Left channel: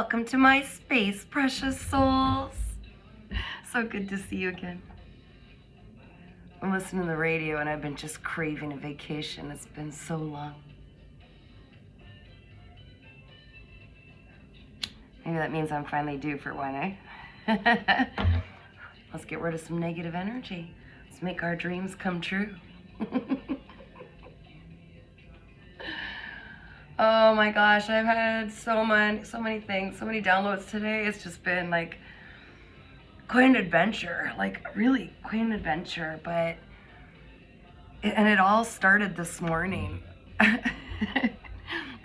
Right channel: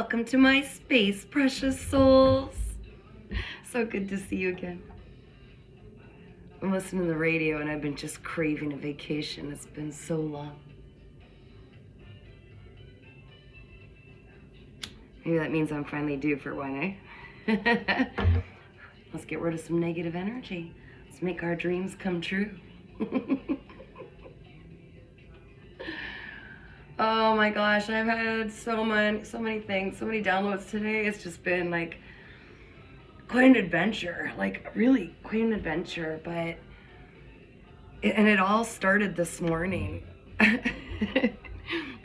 Welcome to my space, precious souls. So good to see you again. I'm listening to the radio and I've been just craving a vacation. It's been so long. Maybe that means I'm finally due for one, eh? Let's get rid of some negative energy. Let's make our dreams come true. Oh my gosh, I've had so many things, so many downloads today. It's just been like quite an adventure, like really quite an adventure. And it all started this morning.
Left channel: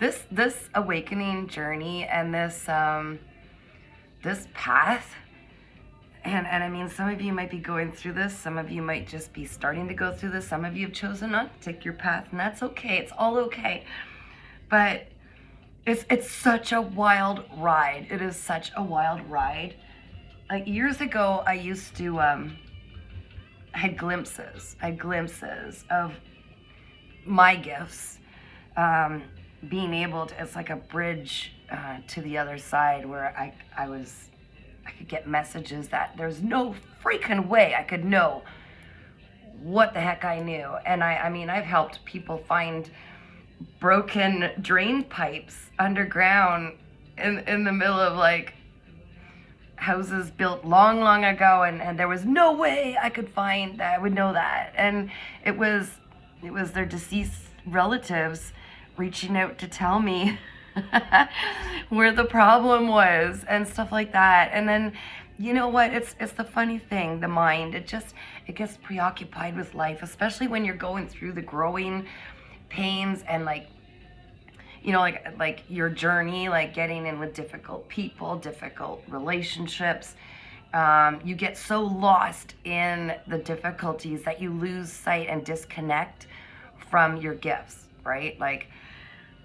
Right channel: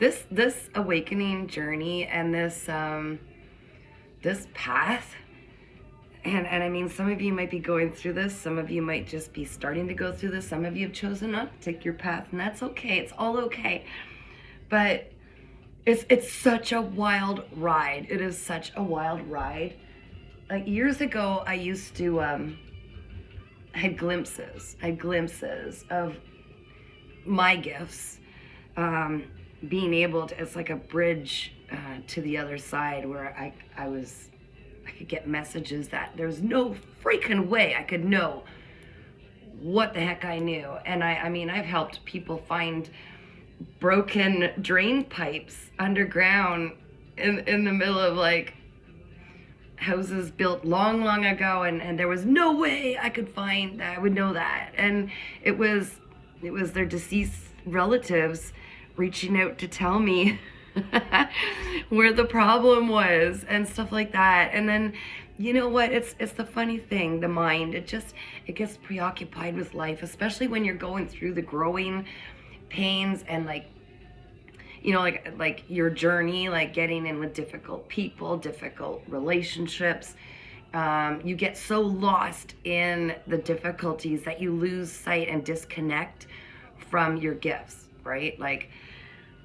This awakening journey and this path. And I mean, some of you might be going through this. Some of you might just be starting to go through this. Some of you have chosen not to take your path, and that's okay. It's all okay. But it's such a wild ride. It is such a wild ride. Like years ago, I used to, I had glimpses of my gifts, being able to, it's like a bridge to the other side where I could get messages that there's no freaking way I could know what the heck I knew. And I mean, I've helped people find broken drain pipes underground in the middle of like houses built long ago, and there was no way I could find that I would know that. And it was their deceased relatives reaching out to tell me where the problem was and stuff like that. And then you know what, it's the funny thing, the mind, it gets preoccupied with life, especially when you're going through the growing pains and like, you know, like your journey, like getting in with difficult people, difficult relationships. You get so lost in the difficulties that you lose sight and disconnect from your gifts, right? Like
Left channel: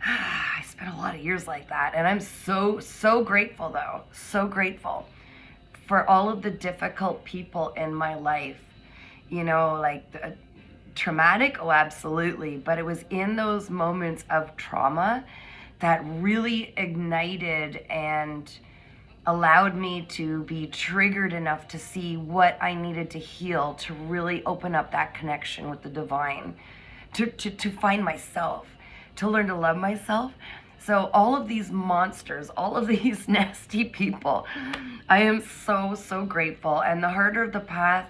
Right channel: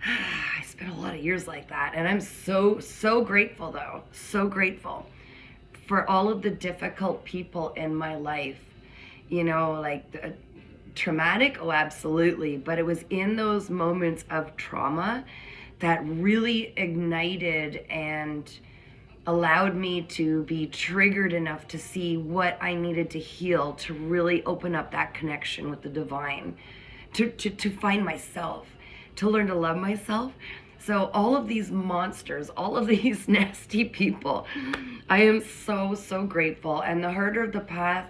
I spent a lot of years like that, and I'm so grateful though, so grateful for all of the difficult people in my life, you know, like the traumatic, oh absolutely, but it was in those moments of trauma that really ignited and allowed me to be triggered enough to see what I needed to heal, to really open up that connection with the divine, to find myself, to learn to love myself. So all of these monsters, all of these nasty people, I am so grateful. And the harder the path,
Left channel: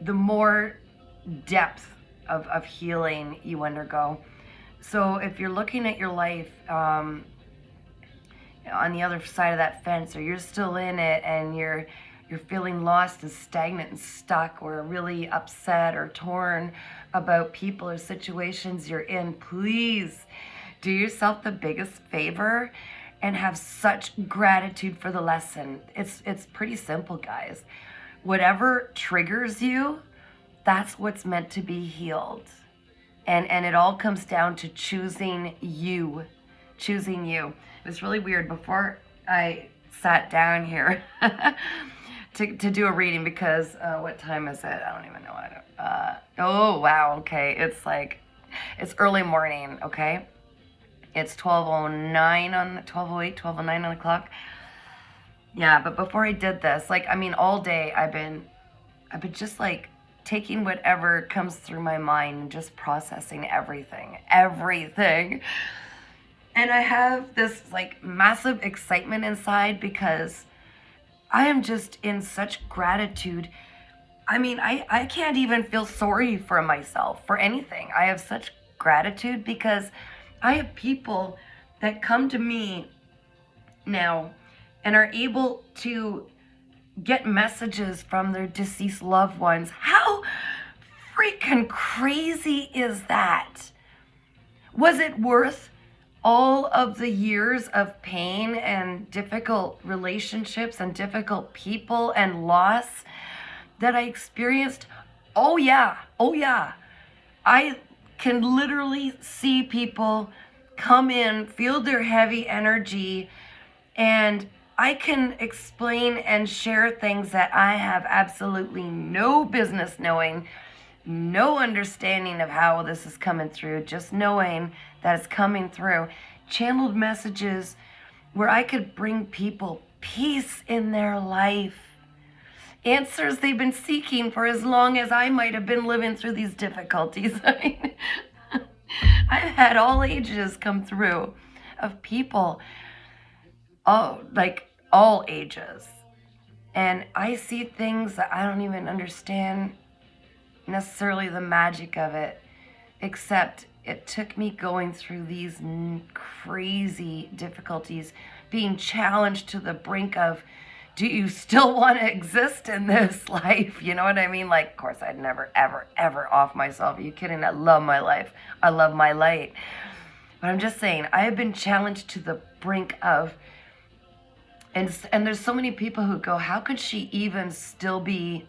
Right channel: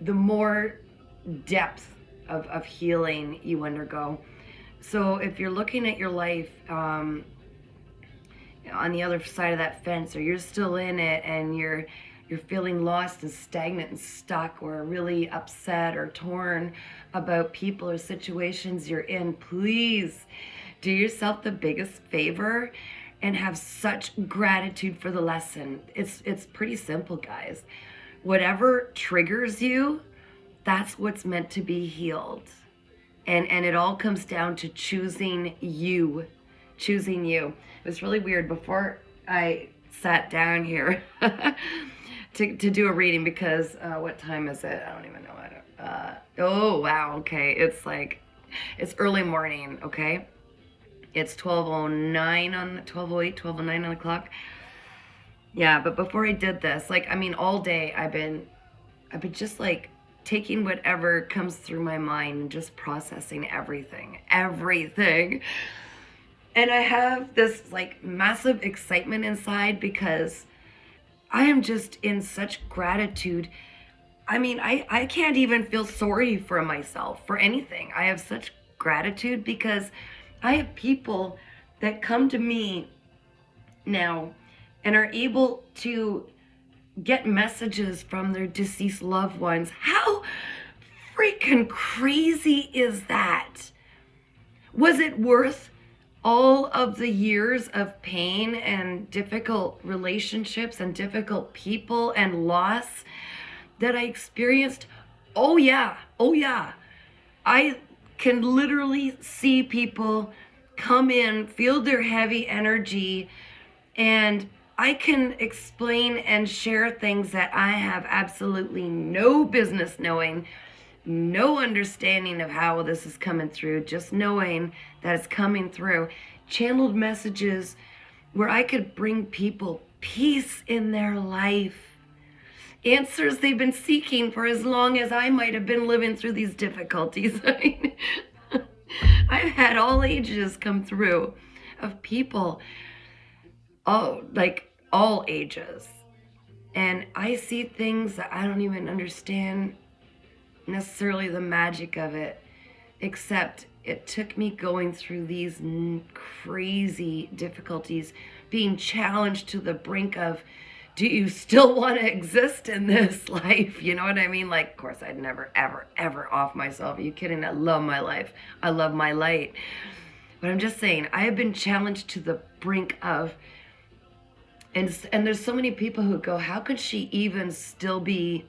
the more depth of healing you undergo. So if you're looking at your life on the other side of that fence, or you're still in it and you're feeling lost and stagnant and stuck, or really upset or torn about people or situations you're in, please do yourself the biggest favor and have such gratitude for the lesson. It's pretty simple, guys. Whatever triggers you, that's what's meant to be healed. And it all comes down to choosing you. Choosing you. It was really weird before I sat down here to do a reading, because what time is it? I don't even know. Oh, wow. Okay. It's early morning. Okay. It's 12:09 on 12:08, 12:09 on the clock. Yeah. But before I did this, like, I mean, all day I've been just like taking whatever comes through my mind and just processing everything. And I have this like massive excitement inside because I am just in such gratitude. I mean, I can't even feel sorry for myself for anything. I have such gratitude because I have people that come to me now and are able to get messages from their deceased loved ones. How freaking crazy is that? Was it worth all of the years of pain and difficult relationships and difficult people and loss that I experienced? Oh yeah. I can literally see people come in, feel their heavy energy, and I can explain and share things that I have absolutely no business knowing, no understanding of how this is coming through, just knowing that it's coming through. Channeled messages where I could bring people peace in their life. Answers they've been seeking for as long as I might have been living through these difficulties. I've had all ages come through of people, all ages. And I see things that I don't even understand necessarily the magic of it, except it took me going through these crazy difficulties, being challenged to the brink of, do you still want to exist in this life? You know what I mean? Like, of course, I'd never, ever, ever off myself. Are you kidding? I love my life. I love my light. But I'm just saying, I have been challenged to the brink of, and there's so many people who go, how could she even still be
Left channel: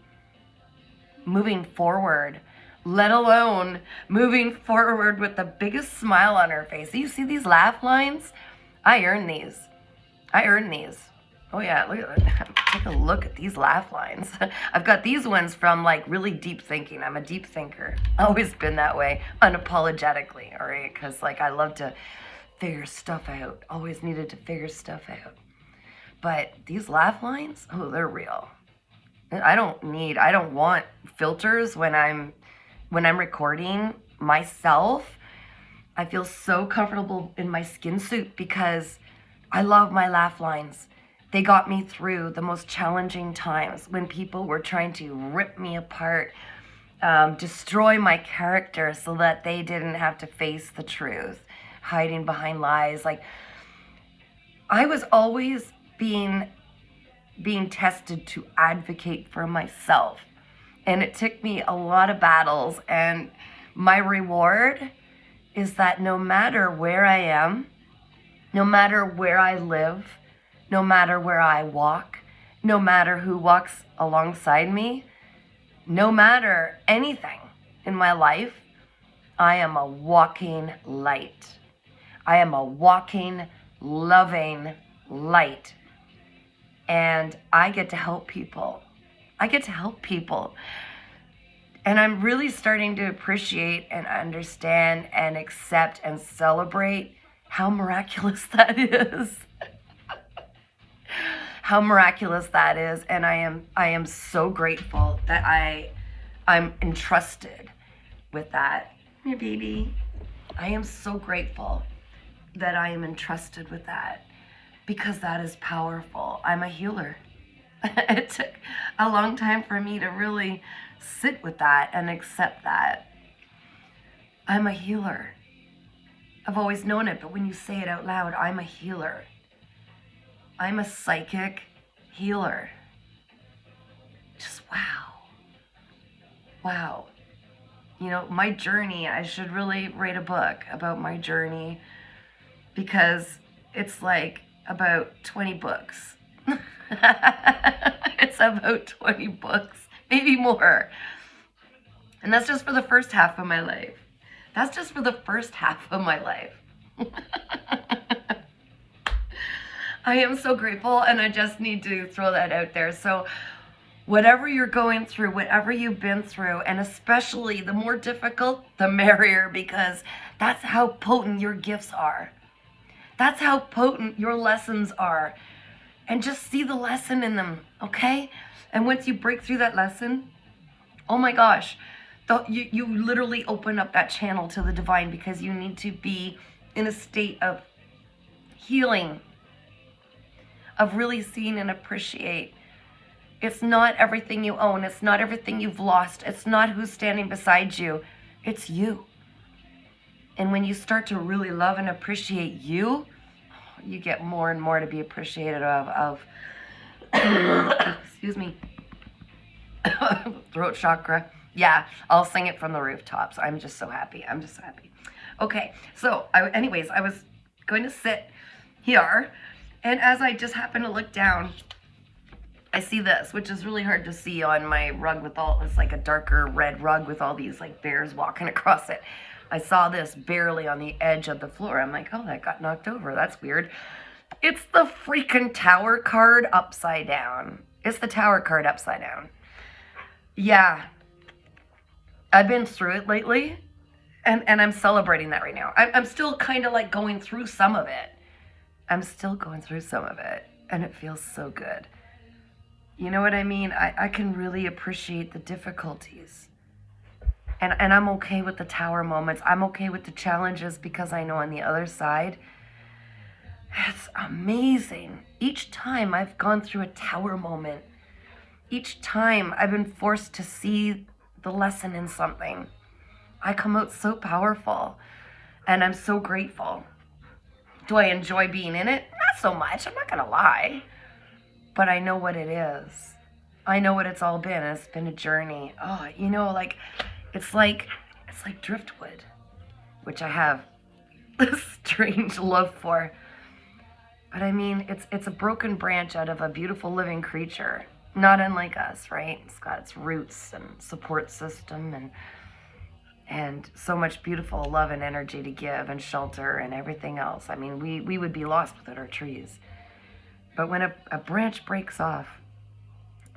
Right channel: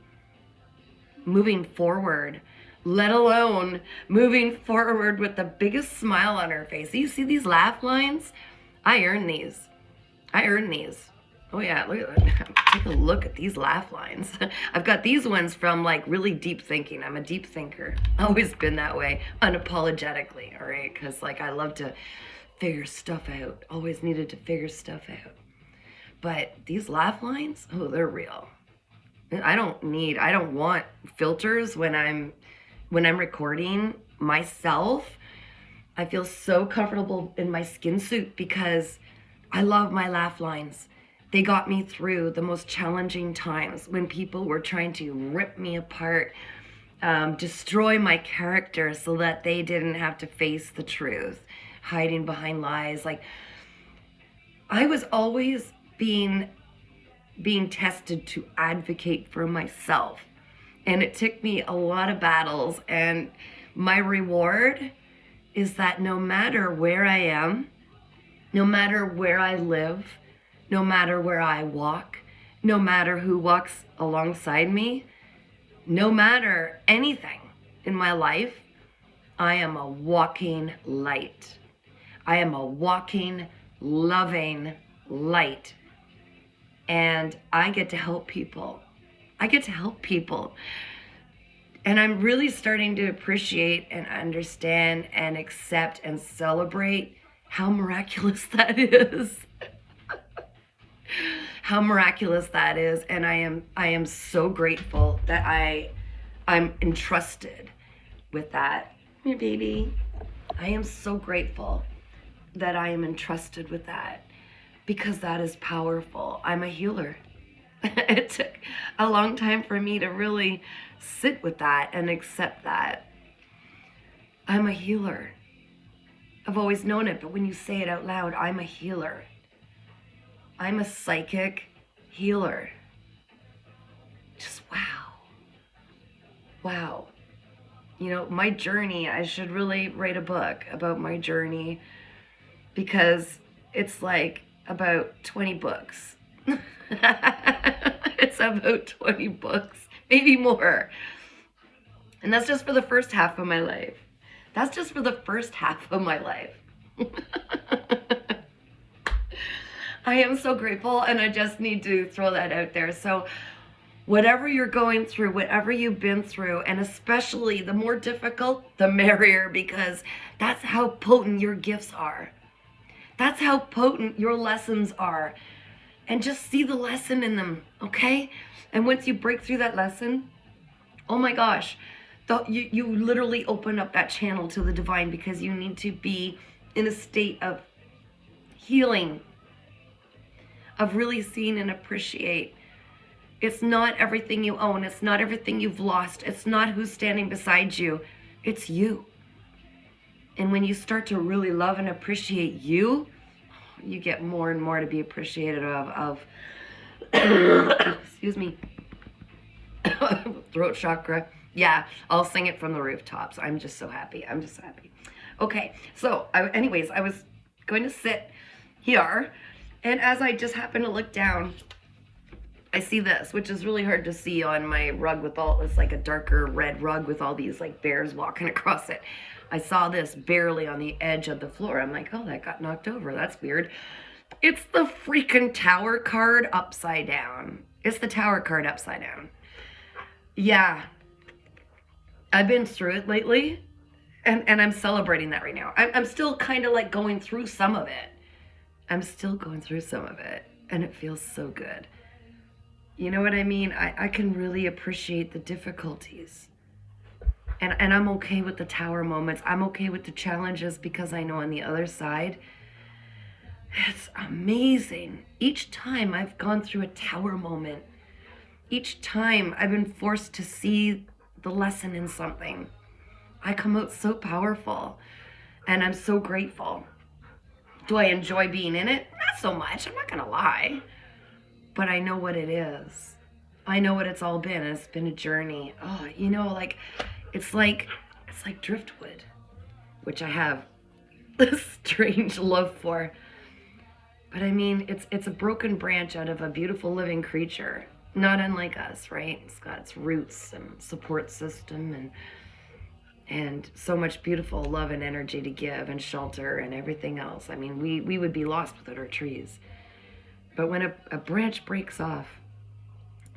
moving forward, let alone moving forward with the biggest smile on her face? You see these laugh lines? I earn these. Oh yeah, take a look at these laugh lines. I've got these ones from like really deep thinking. I'm a deep thinker. Always been that way, unapologetically, all right? Because like I love to figure stuff out. Always needed to figure stuff out. But these laugh lines, oh, they're real. I don't want filters when I'm recording myself. I feel so comfortable in my skin suit because I love my laugh lines. They got me through the most challenging times when people were trying to rip me apart, destroy my character so that they didn't have to face the truth, hiding behind lies. Like, I was always being tested to advocate for myself. And it took me a lot of battles. And my reward is that no matter where I am, no matter where I live, no matter where I walk, no matter who walks alongside me, no matter anything in my life, I am a walking light. I am a walking, loving light. And I get to help people. And I'm really starting to appreciate and understand and accept and celebrate how miraculous that is. How miraculous that is. And I am so grateful that I'm entrusted with that. Your baby. I am so grateful that I am entrusted with that, because that is powerful. I'm a healer. It took a long time for me to really sit with that and accept that. I'm a healer. I've always known it, but when you say it out loud, I'm a healer. I'm a psychic healer. Just wow. Wow. You know, my journey, I should really write a book about my journey, because it's like about 20 books. It's about 20 books, maybe more. And that's just for the first half of my life. That's just for the first half of my life. I am so grateful, and I just need to throw that out there. So whatever you're going through, whatever you've been through, and especially the more difficult, the merrier, because that's how potent your gifts are. That's how potent your lessons are. And just see the lesson in them, okay? And once you break through that lesson, oh my gosh, you literally open up that channel to the divine, because you need to be in a state of healing, of really seeing and appreciate. It's not everything you own. It's not everything you've lost. It's not who's standing beside you. It's you. And when you start to really love and appreciate you, you get more and more to be appreciated of excuse me, throat chakra. Yeah, I'll sing it from the rooftops. I'm just so happy. Okay, so anyways, I was going to sit here, and as I just happened to look down, I see this, which is really hard to see on my rug with all, it's like a darker red rug with all these like bears walking across it. I saw this barely on the edge of the floor. I'm like, oh, that got knocked over. That's weird. It's the freaking Tower card upside down. It's the Tower card upside down. Yeah. I've been through it lately, and I'm celebrating that right now. I'm still kind of like going through some of it. I'm still going through some of it, and it feels so good. You know what I mean? I can really appreciate the difficulties. And I'm okay with the tower moments. I'm okay with the challenges because I know on the other side, it's amazing. Each time I've gone through a tower moment, each time I've been forced to see the lesson in something, I come out so powerful, and I'm so grateful. Do I enjoy being in it? Not so much, I'm not gonna lie. But I know what it is. I know what it's all been. It's been a journey. Oh, you know, like it's like driftwood, which I have a strange love for. But I mean, it's a broken branch out of a beautiful living creature, not unlike us, right? It's got its roots and support system and so much beautiful love and energy to give and shelter and everything else. I mean, we would be lost without our trees. But when a branch breaks off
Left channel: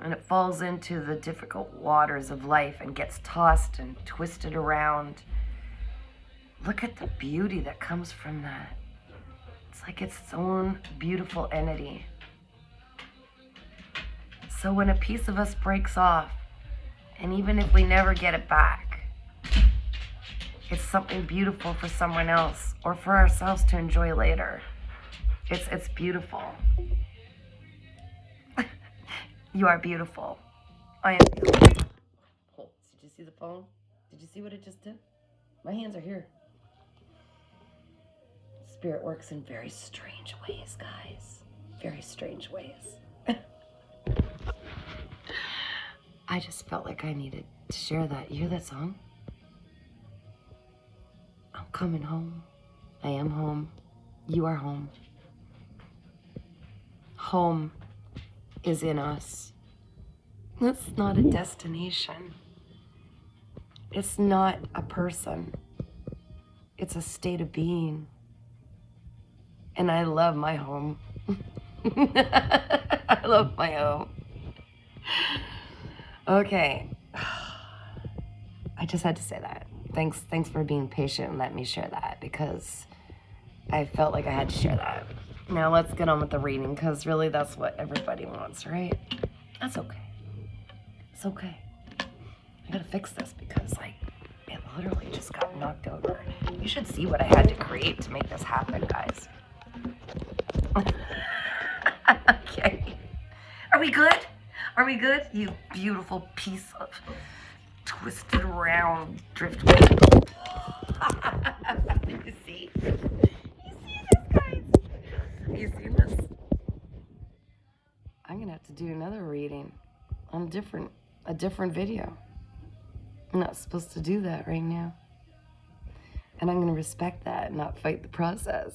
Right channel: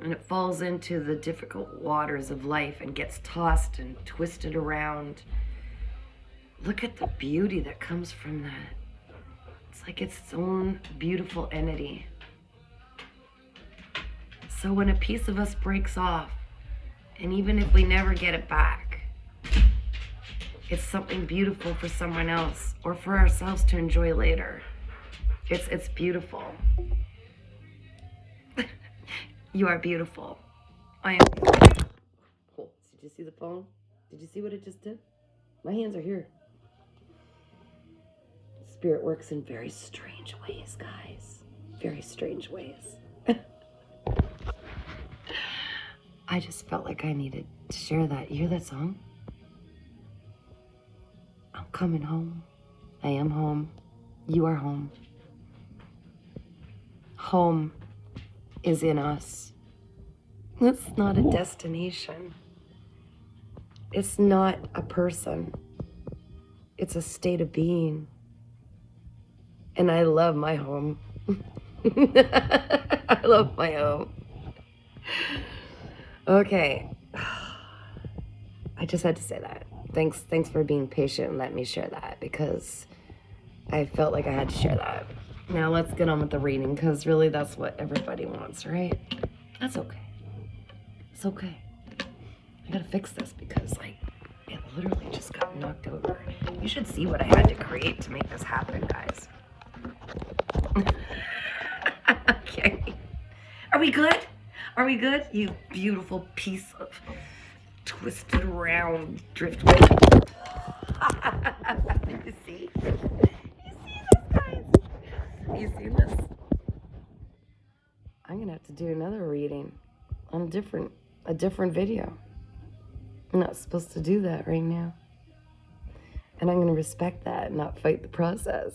and it falls into the difficult waters of life and gets tossed and twisted around, look at the beauty that comes from that. It's like its own beautiful entity. So when a piece of us breaks off, and even if we never get it back, it's something beautiful for someone else or for ourselves to enjoy later. It's beautiful. You are beautiful. I am beautiful. Oh, did you see the phone? Did you see what it just did? My hands are here. Spirit works in very strange ways, guys. Very strange ways. I just felt like I needed to share that. You hear that song? I'm coming home. I am home. You are home. Home is in us. It's not a destination. It's not a person. It's a state of being. And I love my home. I love my home. Okay. I just had to say that. Thanks for being patient and letting me share that, because I felt like I had to share that. Now let's get on with the reading, because really that's what everybody wants, right? That's okay. It's okay. I gotta fix this because, like, it literally just got knocked over. You should see what I had to create to make this happen, guys. Okay. Are we good? Are we good? You beautiful piece of twisted around driftwood. You see? You see this, guys? You see this? I'm gonna have to do another reading on a different video. I'm not supposed to do that right now. And I'm gonna respect that and not fight the process.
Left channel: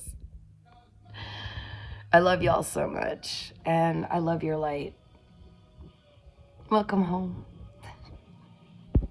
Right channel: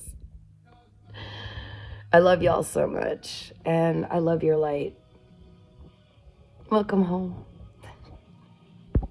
I love y'all so much, and I love your light. Welcome home.